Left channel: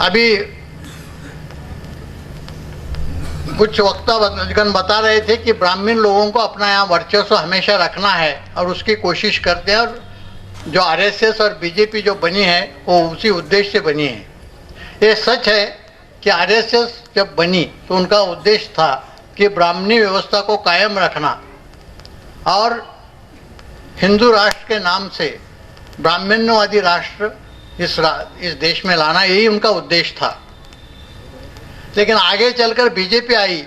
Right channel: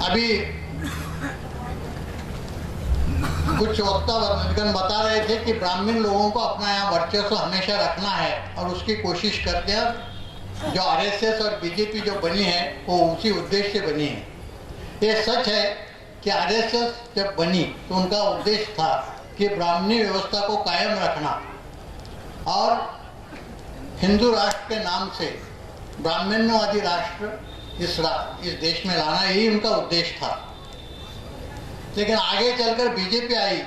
अभी कुछ वक्तागण बता रहे थे कि ब्राह्मण लोगों को अपना यहाँ वर्चस्व हमेशा रखना है और उसकी कोशिश करते हैं, और जो आरएसएस और बीजेपी जो बनी है वो उसी उद्देश्य से बनी है। ये सच है कि आरएसएस जब बनी तो उनका उद्देश्य था कि ब्राह्मणी व्यवस्था को कायम रखना और हिंदू राष्ट्र के नाम से ब्राह्मण्यवादी राष्ट्र इस देश में लाना, यही उनका उद्देश्य था। लेकिन आगे चलकर बीजेपी आई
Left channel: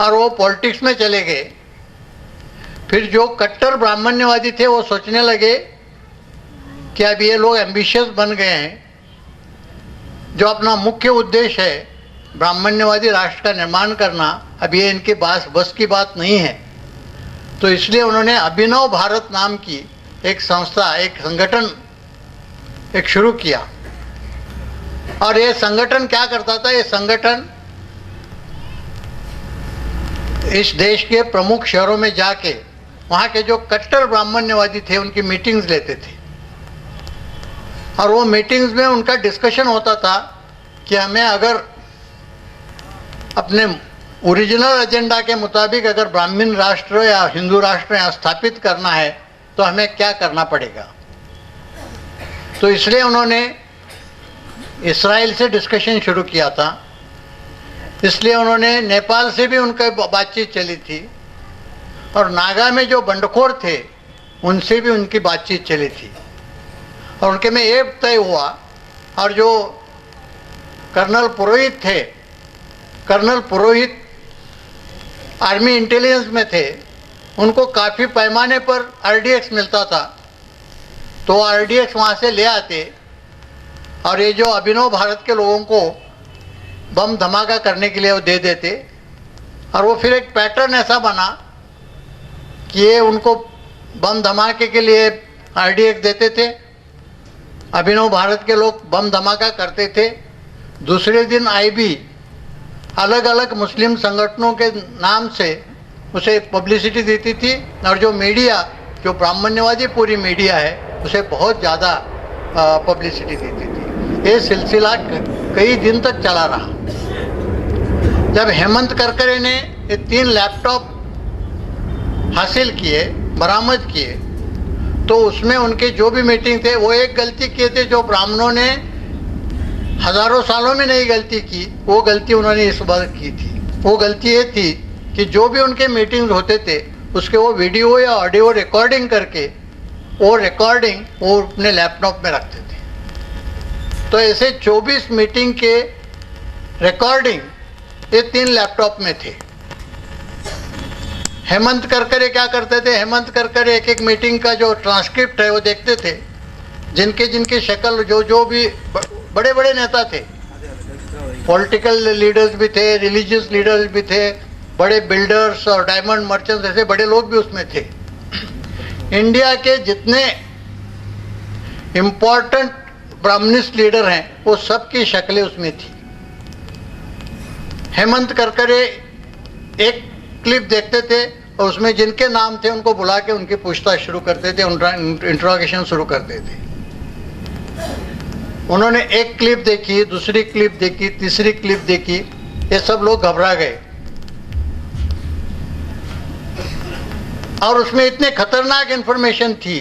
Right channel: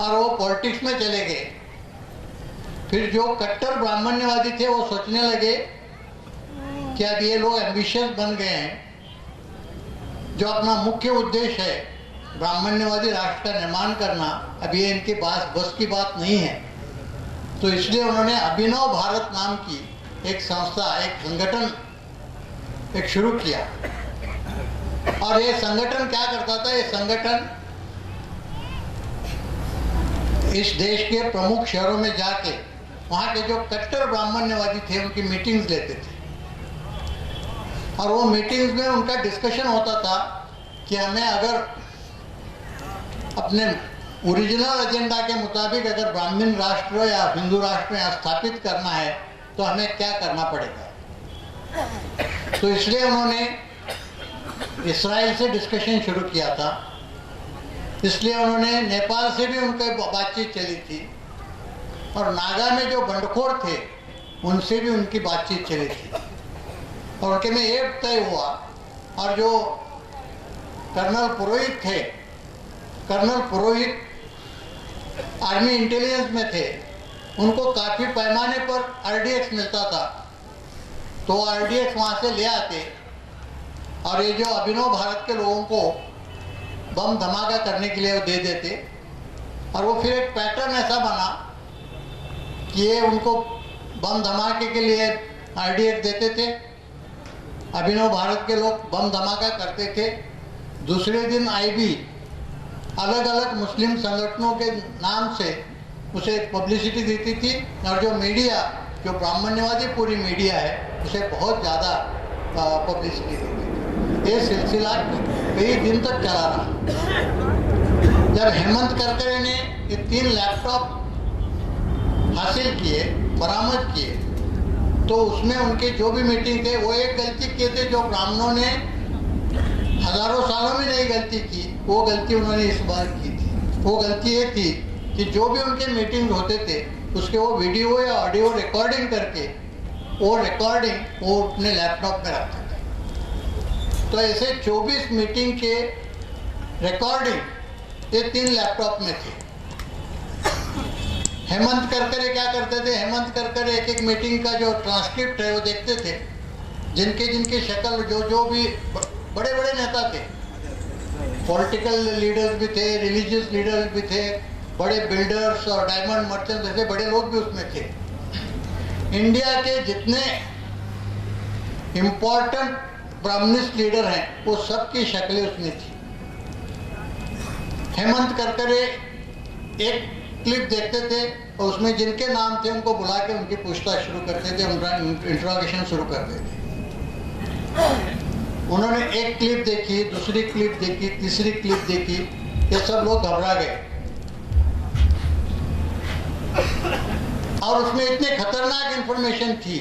और वो पॉलिटिक्स में चले गए। फिर जो कट्टर ब्राह्मण्यवादी थे वो सोचने लगे कि अब ये लोग एम्बिशियस बन गए हैं, जो अपना मुख्य उद्देश्य है ब्राह्मण्यवादी राष्ट्र का निर्माण करना, अब ये इनके बस की बात नहीं है। तो इसलिए उन्होंने अभिनव भारत नाम की एक संस्था, एक संगठन शुरू किया। और ये संगठन क्या करता था? ये संगठन इस देश के प्रमुख शहरों में जाके वहाँ के जो कट्टर ब्राह्मण्यवादी थे उनकी मीटिंग्स लेते थे, और वो मीटिंग्स में उनका डिस्कशन होता था कि हमें अगर अपने ओरिजिनल एजेंडा के मुताबिक अगर ब्राह्मण राष्ट्र या हिंदू राष्ट्र यहाँ स्थापित करना है तो हमें क्या करना पड़ेगा। तो इसलिए उन्होंने इस्राइल से डिस्कशन शुरू किया था, इसलिए उन्होंने नेपाल से भी उनका बातचीत चली थी, और नागा में जो बंडखोर थे उनसे भी उनकी बातचीत चली थी, और उनके में ये तय हुआ। और जो कर्नल पुरोहित थे, कर्नल पुरोहित आर्मी इंटेलिजेंस में थे, उनको काफ़ी पैमाने पर आरडीएक्स मिलता था, तो आरडीएक्स वहाँ से ले आते, और ये जो अभिनव भारत के लोगों को बम धमाका करने के लिए वो दे देते। और वो फिर एक पैटर्न ऐसा बना कि ये उनको बम धमाके के लिए आरडीएक्स देते थे, अभिनव भारत के लोग बम धमाका करते थे। दूसरे दिन आईबी अलग अलग मुस्लिम संगठनों के नाम से उसे पब्लिसिटी देती थी, और जो मीडिया, जो ब्राह्मण्यवादी पूरी मीडिया है, उसे बहुत ज़्यादा पब्लिसिटी देती थी। ये सिलसिला कई दिन तक चला रहा। जब हेमंत करकरे ने ये 3 लैपटॉप हासिल किए, बरामद किए, तो उसमें उनके जो भी मीटिंग थे वो एक गलती किए थे जो ब्राह्मणों ने हजारों सालों में नहीं गलती की, वो गलती उन्होंने इस बार की थी। वो गलती ये थी कि जो भी उनके मीटिंग होते थे उसके वो वीडियो या ऑडियो रिकॉर्डिंग करके वो रिकॉर्डिंग वो अपने लैपटॉप में रखते थे। तो ऐसे 24 मीटिंग के रिकॉर्डिंग ये 3 लैपटॉप में थे। हेमंत करकरे क्या करते थे? हेमंत करकरे एक एक मीटिंग का जो ट्रांसक्रिप्ट है वो देखते थे, जिनके शक्ल जो भी बड़े बड़े नेता थे, पॉलिटिकल लीडर्स भी थे, रिलीजियस लीडर्स भी थे, बड़े बिल्डर्स और डायमंड मर्चेंट्स, ऐसे बड़े लोग भी उसमें थे। इंडिया के जितने इम्पोर्टेंट ब्राह्मणिस्ट लीडर हैं वो सबकी शक्लें उसमें थी। हेमंत करकरे एक क्लिप देखते थे और उसमें जिनके नाम थे उनको बुला के उनकी पूछताछ शुरू करते थे, इंट्रोगेशन शुरू करते थे। उन्होंने एक क्लिप देखी, दूसरी क्लिप देखी, तीसरी क्लिप देखी, ये सब लोग घबरा गए। और उसमें इतने खतरनाक इंफॉर्मेशन थी।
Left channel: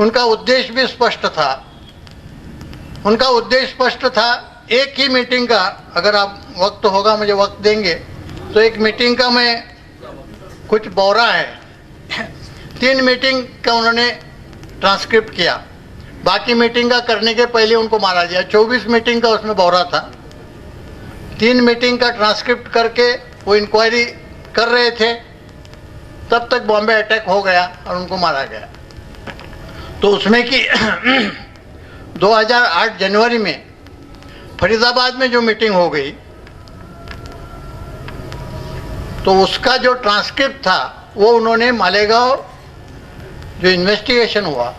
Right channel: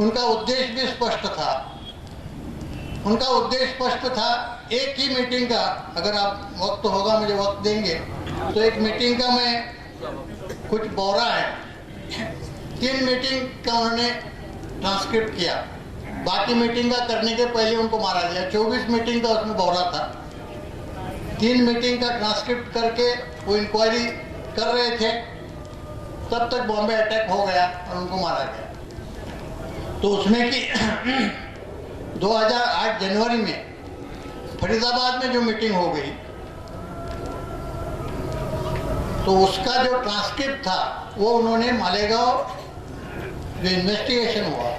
उनका उद्देश्य भी स्पष्ट था। उनका उद्देश्य स्पष्ट था। एक ही मीटिंग का, अगर आप वक्त होगा मुझे वक्त देंगे, तो एक मीटिंग का मैं कुछ बौरा है 3 मीटिंग का उन्होंने ट्रांसक्रिप्ट किया। बाकी मीटिंग का करने के पहले उनको मारा दिया। 24 मीटिंग का उसमें बौरा था। 3 मीटिंग का ट्रांसक्रिप्ट करके वो इंक्वायरी कर रहे थे, तब तक बॉम्बे अटैक हो गया और उनको मारा गया। तो उसमें कि 2008 जनवरी में फरीदाबाद में जो मीटिंग हो गई, तो उसका जो ट्रांसक्रिप्ट था वो उन्होंने मालेगांव जो इन्वेस्टिगेशन हुआ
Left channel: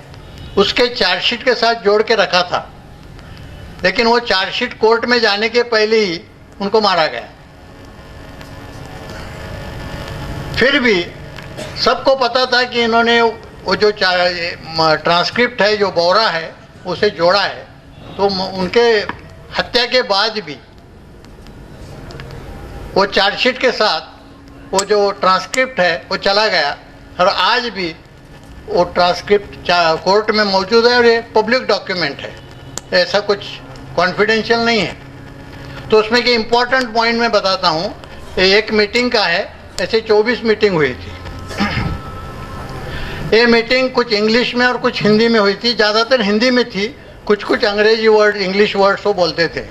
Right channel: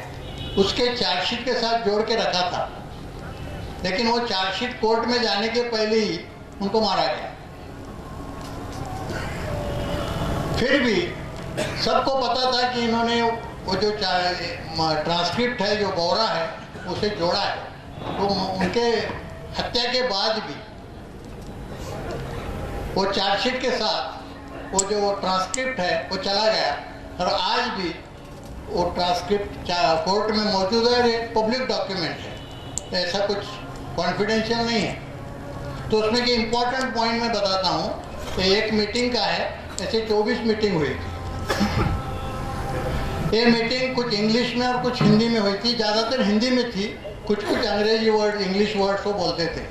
उसके चार्जशीट के साथ जोड़ के रखा था, लेकिन वो चार्जशीट कोर्ट में जाने के पहले ही उनको मारा गया। फिर भी सबको पता था कि इन्होंने वो जो ट्रांसक्रिप्ट है, जो बौरा है, उसे जोड़ा है। तो उनके हत्या के बाद भी वो चार्जशीट के साथ वो जो ट्रांसक्रिप्ट है वो चला गया और आज भी वो ट्रांसक्रिप्ट कोर्ट में मौजूद है और ये पब्लिक डॉक्यूमेंट है, ऐसा कुछ कॉन्फिडेंशियल नहीं है। तो उसमें कि इम्पोर्टेंट पॉइंट मैं बताता हूँ, एक मीटिंग का है, ऐसे 24 मीटिंग हुई थी। ये मीटिंग कुछ इंग्लिश में और कुछ हिंदी में हुई थी, ज़्यादातर हिंदी में थी, कुछ कुछ अंग्रेजी वर्ड इंग्लिश वर्ड्स वो बोलते थे।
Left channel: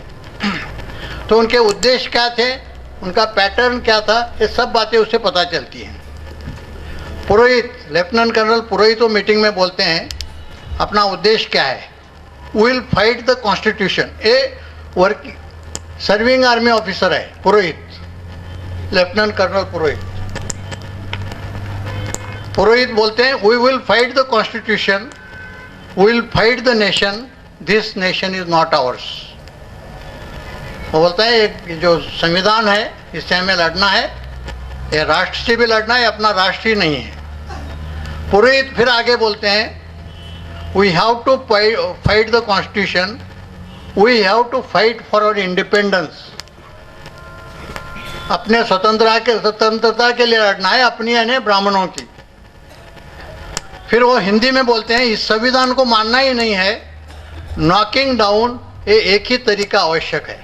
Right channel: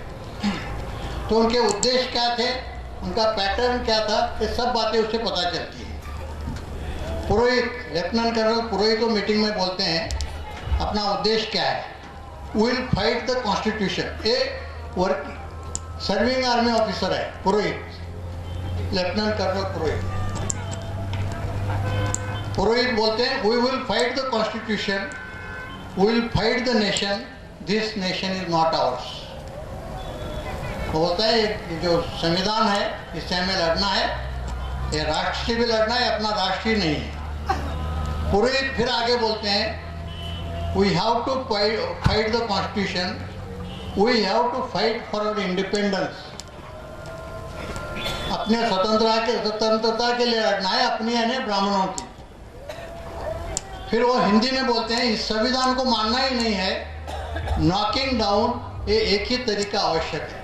तो उनके उद्देश्य क्या थे, उनका पैटर्न क्या था, ये सब बातें उससे पता चलती हैं। पुरोहित, लेफ्टिनेंट कर्नल पुरोहित वो मीटिंग में बोलते हैं अपना उद्देश्य क्या है, will fight the constitution. A work serving army officer है पुरोहित, लेफ्टिनेंट कर्नल पुरोहित। पुरोहित बोलते हैं we will fight the constitution, will fight the nation, this nation is not ours. वो बोलता है एक जो संविधान है इससे हमें लड़ना है, ये राष्ट्र से भी लड़ना है, अपना राष्ट्र ही नहीं है। पुरोहित फिर आगे बोलते हैं we have to fight the constitution, we have to fight for our independence. अपने स्वतंत्रता के लिए लड़ना है, अपनी यानी ब्राह्मणों की। फिर वो हिंदी में बोलते हैं इस संविधान को मानना ही नहीं है, नॉकिंग डाउन ये एक ही तरीका आवश्यक है।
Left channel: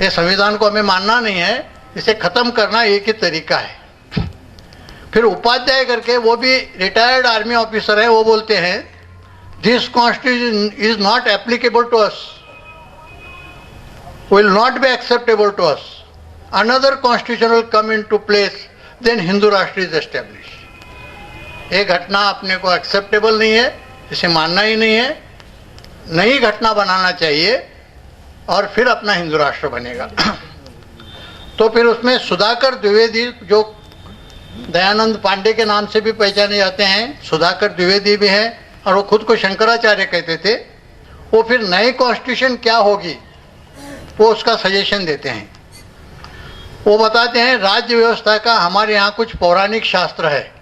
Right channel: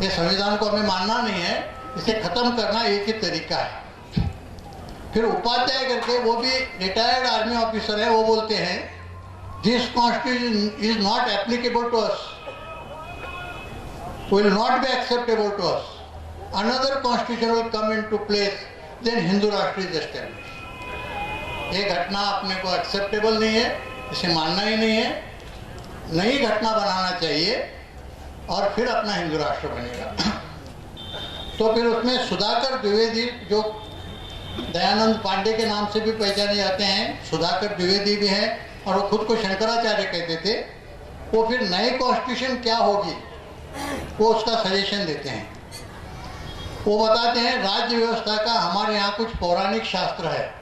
ये संविधान को हमें मानना नहीं है, इसे खत्म करना एक ही तरीका है। फिर उपाध्याय करके वो भी रिटायर्ड आर्मी ऑफिसर है, वो बोलते हैं this constitution is not applicable to us, will not be acceptable to us, another constitution will come into place, then Hindu Rashtra is establish. ये घटना अपने को एक्सेप्टेबल नहीं है, इसे मानना ही नहीं है, नई घटना बनाना चाहिए और फिर अपना हिंदू राष्ट्र बनेगा। तो फिर उसमें सुधाकर द्विवेदी, जो दयानंद पांडे के नाम से भी पहचाने जाते हैं, सुधाकर द्विवेदी भी हैं और वो खुद को शंकराचार्य कहते थे, वो फिर नई कॉन्स्टिट्यूशन क्या होगी वो उसका सजेशन देते हैं। वो बताते हैं राज्य व्यवस्था का हमारे यहाँ कुछ पौराणिक शास्त्र है,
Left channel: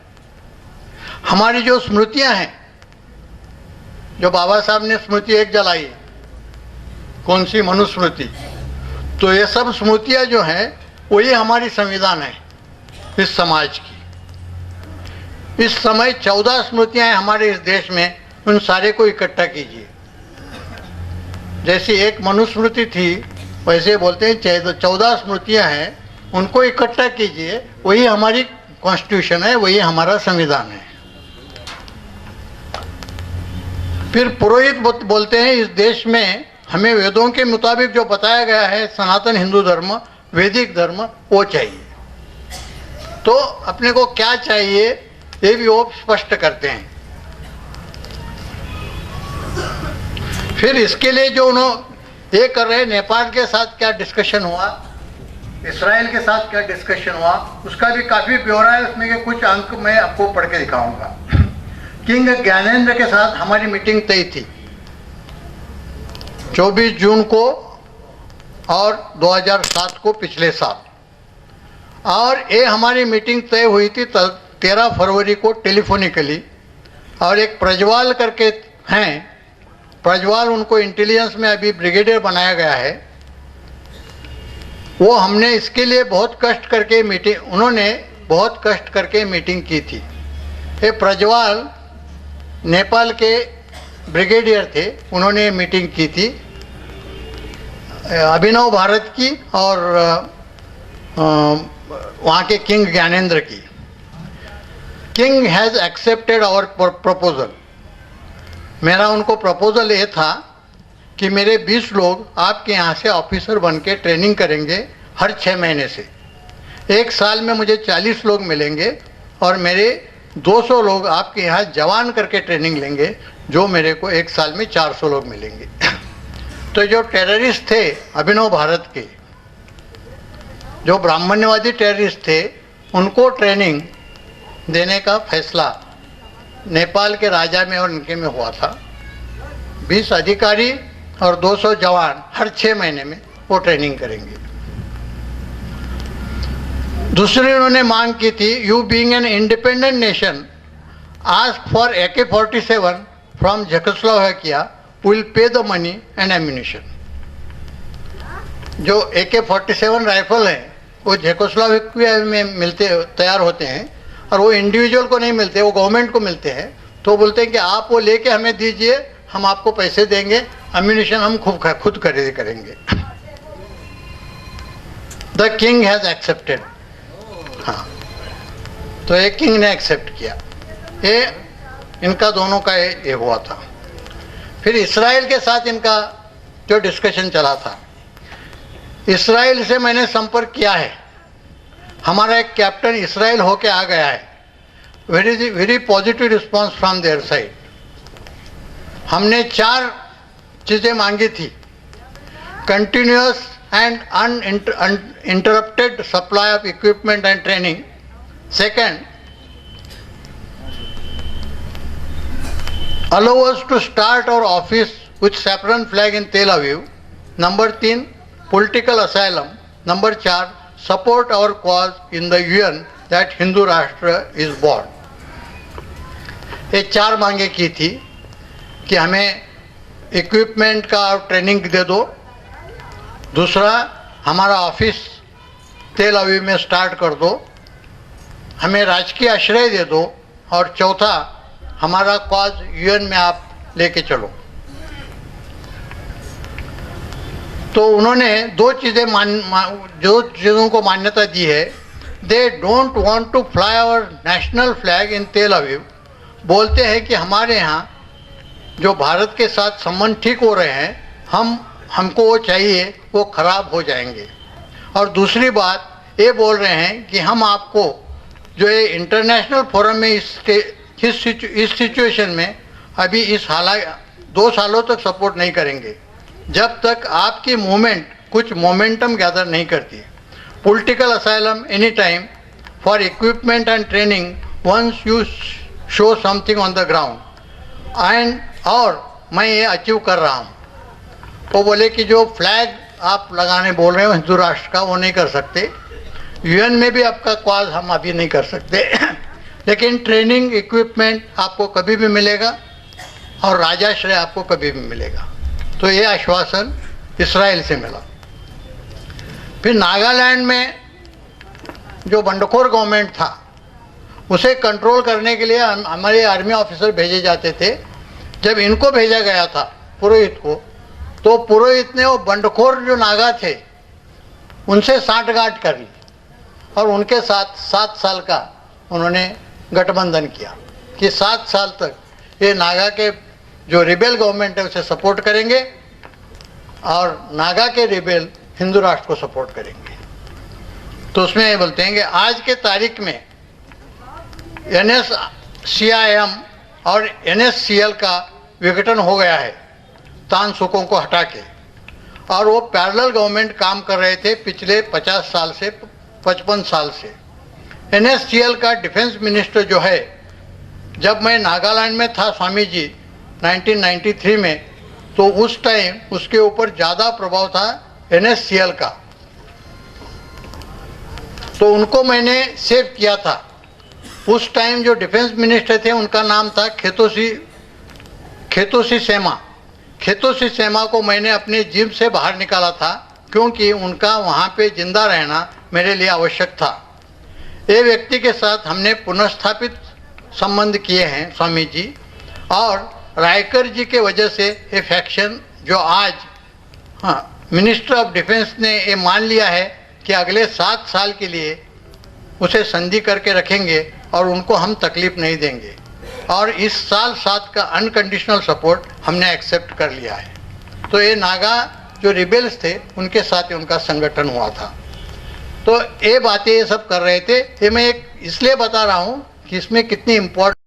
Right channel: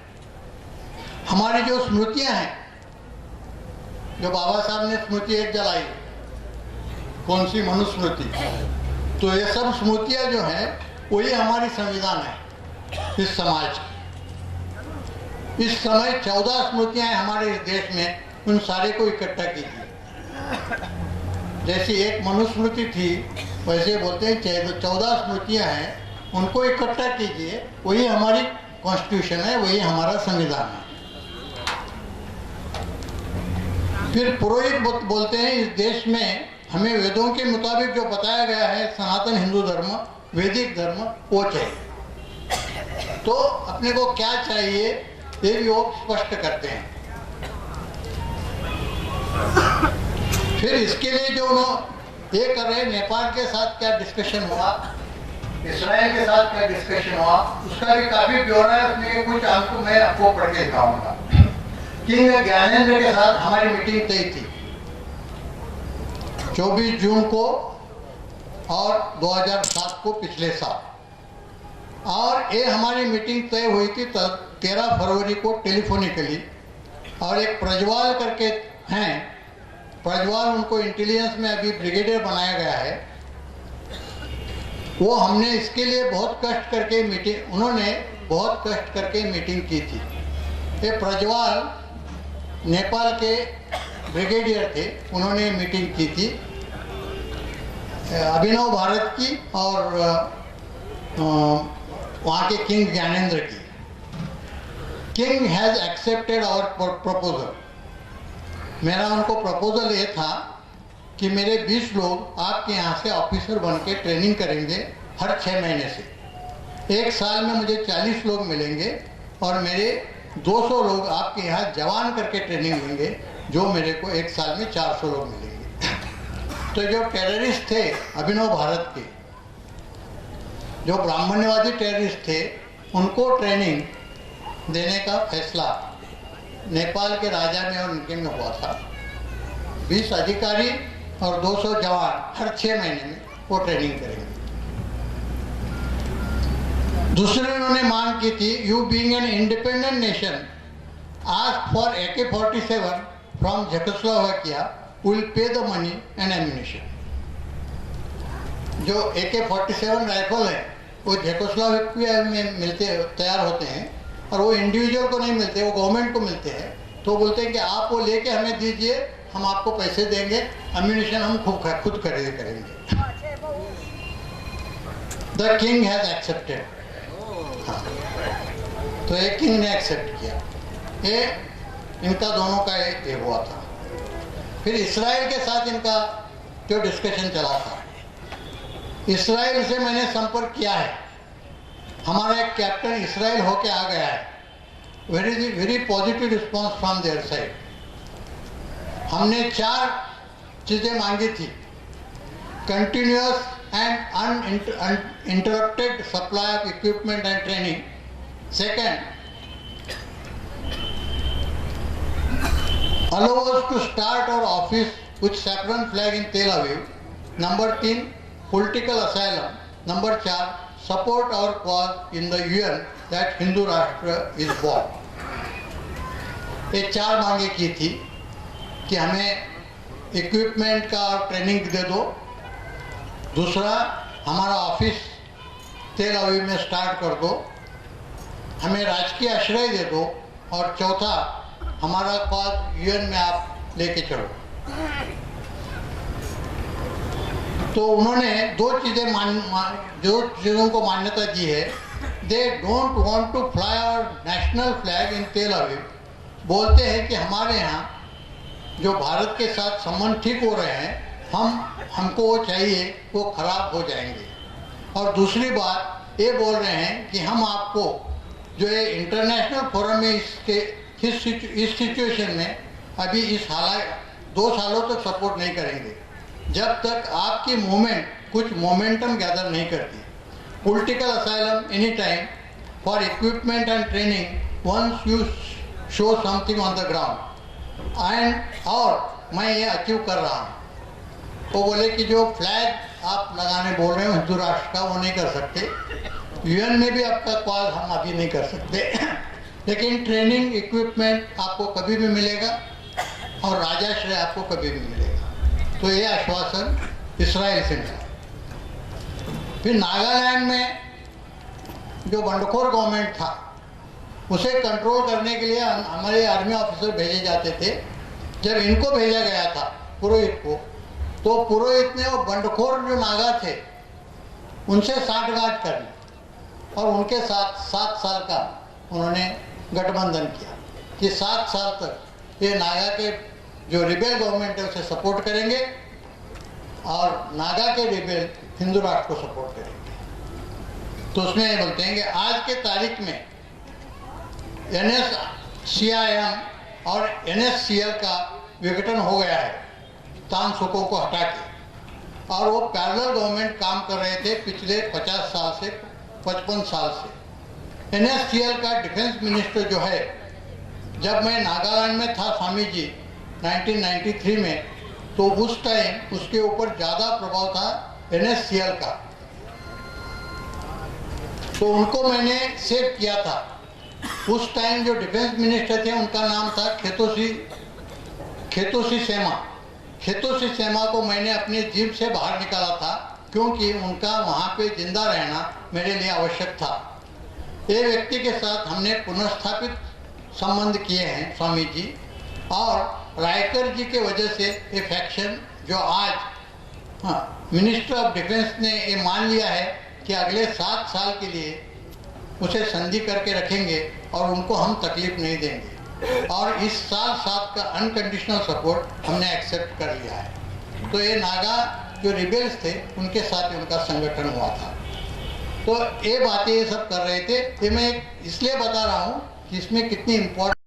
हमारी जो स्मृतियाँ हैं, जो बाबा साहब ने स्मृति एक जलाई, कौन सी, मनुस्मृति, तो ये सब स्मृतियाँ जो हैं वही हमारी संविधान है इस समाज की। इस समय 14 स्मृतियाँ हैं हमारे इस देश में, उन सारे को इकट्ठा कीजिए। जैसी एक मनुस्मृति थी वैसे बोलते हैं 14 स्मृतियाँ हैं, उनको इकट्ठा कीजिए, वही हमारी कॉन्स्टिट्यूशन है, वही हमारा संविधान है। फिर पुरोहित बोलते हैं इस देश में हमें वेदों के मुताबिक जो बताया गया है सनातन हिंदू धर्म, वैदिक धर्म, वो चाहिए। तो अपने को क्या चाहिए ये भी वो स्पष्ट करते हैं। फिर इसके लिए जो उन्होंने ये कर रहे हैं, नेपाल के साथ क्या डिस्कशन हुआ, इसराइल के साथ क्या डिस्कशन हुआ, उसका भी काफी ब्यौरा है उसमें, के कुछ अंक मैं आपको पढ़ के दिखाऊंगा। किंग ज्ञानेंद्र के साथ हमारी मीटिंग तय थी 24 जून को और 2007 को, पिछले साल। और ये हमारी मीटिंग तय हुई थी 13 फरवरी को टेलीफोनिकली। और एक प्रज्वाल करके हैं, प्रज्वाल, उनको इंटेलिजेंस में अभी ब्रिगेडियर बनाया गया है, वो हमने इसके लिए बहुत कष्ट करके मीटिंग, उन्होंने बहुत कष्ट करके मीटिंग की थी। ये प्रज्वाल नेपाल के ब्रिगेडियर थे, उन्होंने मीटिंग की थी अभिनव भारत की और वहाँ के किंग ज्ञानेंद्र की। King has accepted our proposal. मेरा उनको प्रपोजल ये था कि मेरे 20 लोग आपके यहाँ से ऑफिसर बन के ट्रेनिंग करेंगे हर 6 महीने से। 1 साल में मुझे 40 लोग मिलेंगे और मेरे 200 लोग आपके यहाँ जवान करके ट्रेनिंग लेंगे, जो मेरे को 1 साल में 400 लोग मिलेंगे। तो जो टेररिस्ट थे अभिनव भारत के, जो ब्राह्मण्यवादी टेररिस्ट थे, उनको ट्रेनिंग देने का फैसला नेपाल के राजा में और इनके में हुआ था। 20 अधिकारी और 200 जवान हर 6 महीने में वो ट्रेनिंग करेंगे। दूसरी उन्होंने मांग की थी, you being an independent nation ask for AK-47 from Czechoslovakia, will pay the money and ammunition. जो AK-47 राइफल हैं वो चेकोस्लोवाकिया में मिलते तैयार होते हैं और वो इंडिविजुअल को नहीं मिलते, वो गवर्नमेंट को मिलते हैं। तो बोलते हैं कि आप वो लेके हमें दीजिए, हम आपको पैसे देंगे, अम्यूनिशन हम खुद खरीद करेंगे। The king has accepted. हाँ, तो एक किंग ने एक्सेप्ट किया। ये इनका दोनों का ये हुआ था। फिर इसराइल के साथ इनका जो डिस्कशन चला था, इसराइल से मैंने संपर्क किया है। हमारा एक कैप्टन इसराइल होके आ गया है। Very positive response from their side. हमने 4 चीज़ें मांगी थी: continuous and uninterrupted supply of equipment and training, second, allow us to start our office with saffron flag in Tel Aviv, number 3, political asylum, number 4, support our cause in the UN that Hindu Rashtra is born। ये 4 मांगे की थी कि हमें equipment का और training दे दो, दूसरा हमारा ऑफिस तेल अवीव में स्टार्ट कर दो, हमें राजकीय आश्रय दे दो, और चौथा हमारा कॉज यूएन में आप लेके चलो। तो उन्होंने 2 चीज़ों को मान्यता दी है। They don't want to fly our national flag in Tel Aviv. बोलते हैं कि हमारे यहाँ जो भारत के साथ संबंध ठीक हो रहे हैं, हमको वो चाहिए, वो खराब हो जाएंगे। और दूसरी बात ये बोल रहे हैं कि हम आपको जो ये इंटरनेशनल फोरम में इस सिचुएशन में अभी इस हालात 2 सालों तक सपोर्ट नहीं करेंगे जब तक आपकी मूवमेंट कुछ मोमेंटम गैदर नहीं करती है। Political asylum any time for equipment and training once you show something on the ground and, और मैं ये अचीव कर रहा हूँ। वो बोले कि जो फ्लैग आप लगाने बोल रहे हो हिंदू राष्ट्र का, वो नहीं कर सकते। यूएन में भी आपका कॉज हम अभी नहीं कर सकते लेकिन ट्रेनिंग इक्विपमेंट आपको कभी भी मिलेगा और राजाश्रय आपको कभी भी मिलेगा। तो ये आश्वासन इसराइल से मिला। फिर नागालैंड में जो बंडखोर गवर्नमेंट था उसे कंट्रोल करने के लिए हमारे आर्मी ऑफिसर भेजे जाते थे। जब इनको भेजा गया था पुरोहित को, तो पुरोहित ने वो बंडखोर जो नागा थे उनसे साठगांठ कर ली और उनके साथ 7 साल का उन्होंने गठबंधन किया कि 7 साल तक ये नागा के जो रिबेल गवर्नमेंट है उसे सपोर्ट करेंगे और नागा के रिबेल हिंदू राष्ट्र को सपोर्ट करेंगे। तो उसमें ये बोलते हैं कि आज के तारीख में NSCIM और NSCL का विघटन हो गया है तान सुकों को हटा के, और वो पैरेलल गवर्नमेंट काम कर रहे थे पिछले 50 साल से 55 साल से। NSCL का डिफेंस मिनिस्टर जो है, जब मैं नागालैंड में था स्वामी जी 1993 में, तो उस टाइम उसके ऊपर ज़्यादा प्रभाव था NSCL का, तो उनको मैंने सेव किया था। उस टाइम जो डिफेंस मिनिस्टर थे उनका नाम था खेतोसी सेमा। खेतोसी सेमा को मैंने अपने जिम से बाहर निकाला था क्योंकि उनका वहाँ पे जिंदा रहना मेरे लिए आवश्यक था। ये व्यक्ति के साथ हमने पुनर्स्थापित संबंध किए हैं स्वामी जी, और रायकर जी के वजह से ये फैक्शन जो आज मिनिस्टर ऑफ डिफेंस ने ये मान लिया है कि अगले 7 साल के लिए उसे संधि करके रखेंगे और उनको हम तकलीफ नहीं देंगे, और इस साल 7 का अनकंडीशनल सपोर्ट हमने एक्सेप्ट कर लिया है। तो ये नागा जो रिबेल्स थे उनके साथ उनका संगठन हुआ था। तो ये बातें ये सब कर रहे थे। ये मैं एक इसलिए बता रहा हूँ कि इसमें कितनी इम्पोर्टेंट